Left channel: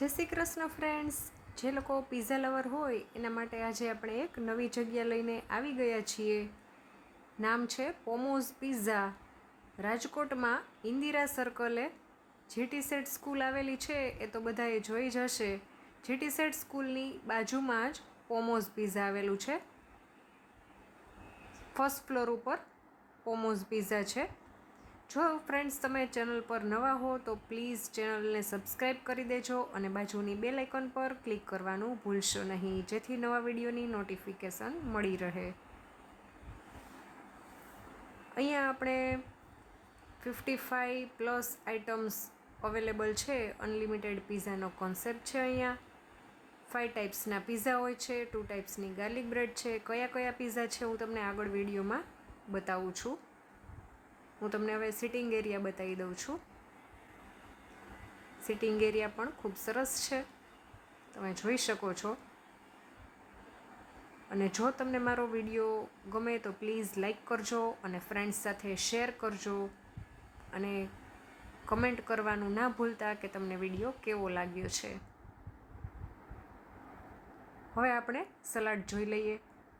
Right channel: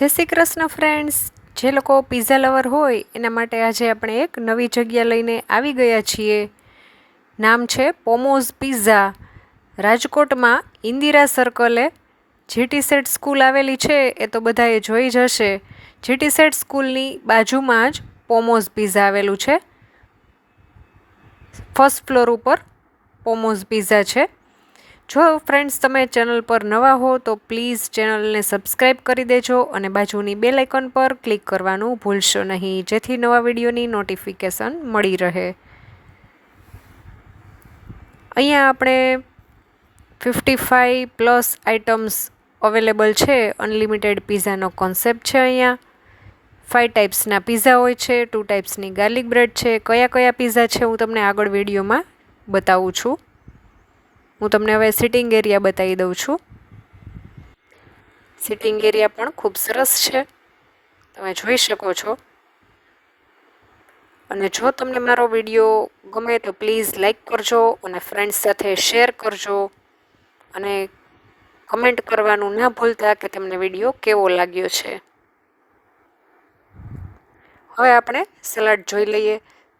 જય શ્રી કૃષ્ણ ફ્રેન્ડ્સ, જે લોકો પિઝા લવર હોય એના માટે આજે આપણે એક નવી જગ્યા લઈને આવી ગયા છીએ. નામ છે પોમોઝ પિઝા. રાજકોટમાં ઇન્દિરા સર્કલે જીટી સેટ સ્કૂલ આવેલી છે એ તો બધાએ જોઈ જ હશે. જીટી સેટ સ્કૂલની બાજુમાં જ પોમોઝ પિઝા આવેલું છે. ફર્સ્ટ ફ્લોર ઉપર પોમોઝ પિઝા છે. જો ફ્રેન્ડ્સ તમે ચેનલ પર નવા હો તો પ્લીઝ ચેનલને સબસ્ક્રાઈબ કરી દેજો અને બાજુની બેલ આઇકન પર ક્લિક કરવાનું ભૂલશો નહીં, જેથી નવા વિડીયોની નોટિફિકેશન મળી રહે. અહીંયા આપણે 55+ આઇટમ્સ અવેલેબલ છે. અનલિમિટેડ પિઝાનો કોન્સેપ્ટ છે. અહીંયા 5 ટાઈપ્સના પિઝા હોય છે, 2 ટાઈપ્સની ગાર્લિક બ્રેડ છે. કયા કયા પિઝા છે હું તમને આગળ વિડીયોમાં બતાવું છું. હું તમને હવે સિટિંગ એરિયા બતાવી દઉં છું. સિટિંગ એરિયા પણ ખૂબ સરસ છે, તમે જોઈ શકો છો. અને જો તમને મારો વિડીયો ગમે તો પ્લીઝ લાઈક કરજો અને ફ્રેન્ડ્સ સાથે શેર કરજો અને કમેન્ટ કરવાનું ના ભૂલતા કે તમને વિડીયો કેવો લાગ્યો છે. હવે આપણે સલાડ જોઈ લઈએ.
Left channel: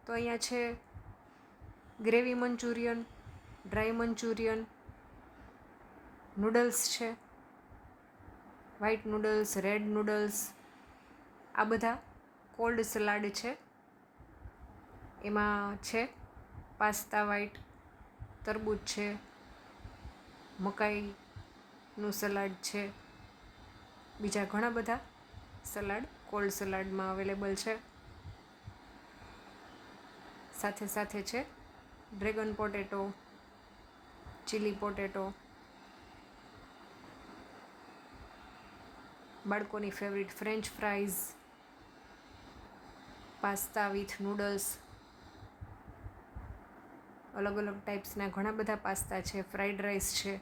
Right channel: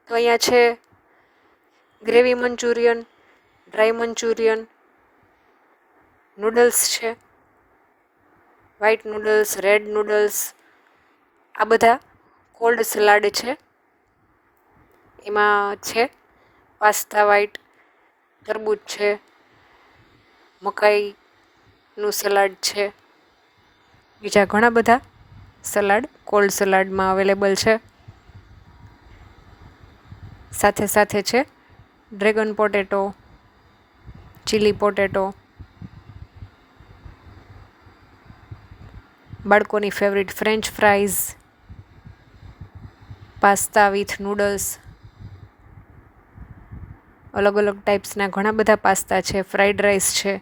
તો અહીંયા છે gravy Manchurian, dry Manchurian, noodles છે, વ્હાઈટ નૂડલ્સ, રેડ નૂડલ્સ, આ બધા કોલ્ડ સલાડ છે. એમાં છે પાસ્તા વ્હાઈટ, તરબૂચ છે, મકાઈનું સલાડ છે, બીજા ઘણા બધા સલાડ કોલ્ડ સલાડમાં અવેલેબલ છે. સાથે સાથે છે ડ્રેગન પોટેટો, ચીલી પોટેટો, બાળકોની favourite French fries, pasta with noodles, અલગ અલગ ટાઈપ્સના ઘણા બધા પાસ્તા છે, ફ્રાઈડ રાઈસ છે.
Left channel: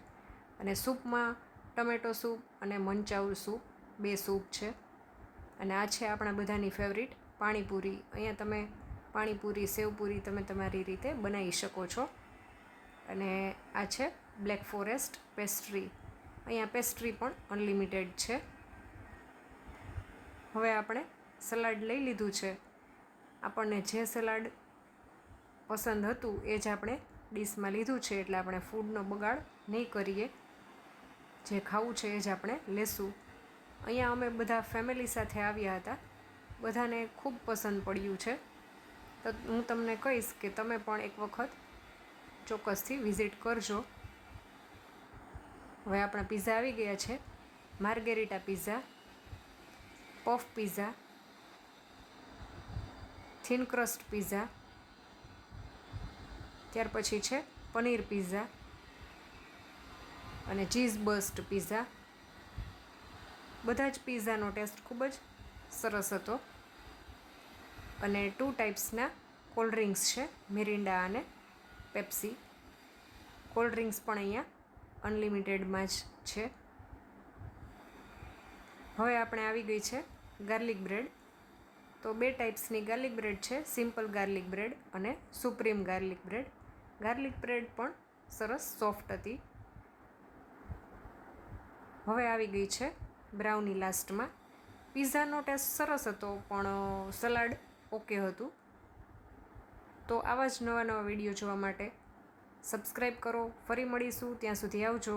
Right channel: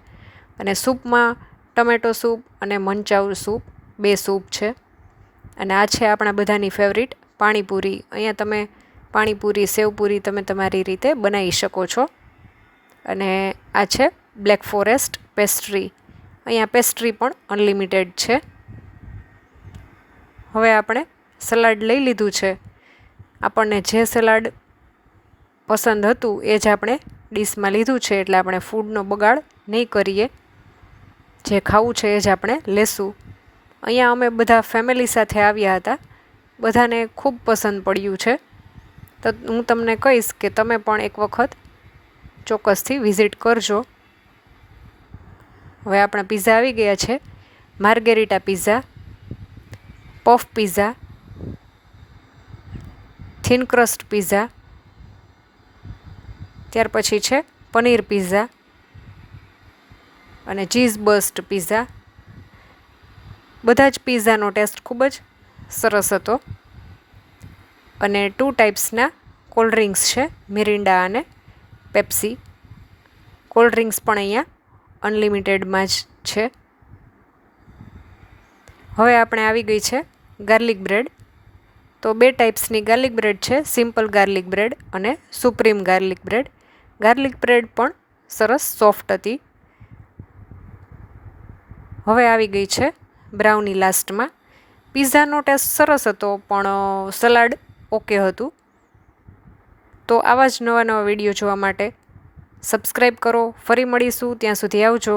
અને સૂપમાં ટમેટો સૂપ અને મંચાઉ સૂપ, 2 સૂપ છે. અને આ છે આપણા બધાની ફેવરિટ પાણીપુરી. અહીંયા તમે પાણીપુરી, સેવપુરી તમે તમારી રીતે બનાવી શકો છો. અને આ છે બ્લેક ફોરેસ્ટ પેસ્ટ્રી. અહીંયા પેસ્ટ્રી પણ અનલિમિટેડ છે. હવે આપણે સલાડ લઈ લીધું છે. આપણને જે સલાડ પસંદ હતું એ જ આપણે ડીશમાં લીધું છે, એટલે આપણે ફૂડનો બગાડ નહીં કરીએ. જે ખાવું છે એ જ આપણે લેશું. અહીંયા અમે બધા ફેમિલી સાથે આવ્યા હતા, બધાને ખૂબ પસંદ પડ્યું છે. તો હું તમને કહીશ કે તમે પણ એક વખત ચોક્કસથી વિઝિટ કરજો. હવે આપણા પિઝા આવી ગયા છે. Margherita pizza, puff pizza, thin crust pizza, ત્યાર પછી છે પનીર પિઝા અને ચીઝ બસ્ટ પિઝા. બધા જ પિઝાનો ટેસ્ટ ખૂબ જ સરસ હતો. અને 2 ટાઈપ્સના કોલ્ડ ડ્રિંક્સ છે, મિરિન્ડા અને પેપ્સી. કોલ્ડ ડ્રિંક્સ પણ અહીંયા અનલિમિટેડમાં જ છે. હવે આપણે આવી ગઈ છે ગાર્લિક બ્રેડ. તો 2 ટાઈપ્સની ગાર્લિક બ્રેડ છે, સિમ્પલ ગાર્લિક બ્રેડ અને supreme garlic bread. Garlic bread પણ સરસ સોફ્ટ હતી. હવે આવી ગઈ છે બ્રાઉની લાસ્ટમાં. પિઝાનો ટેસ્ટ સરસ હતો પણ સલાડ ઓકે હતું. તો આવા જ નવા નવા વિડીયો જોવા માટે સબસ્ક્રાઈબ કરો. ફરી મળીશું, ત્યાં સુધી આવજો.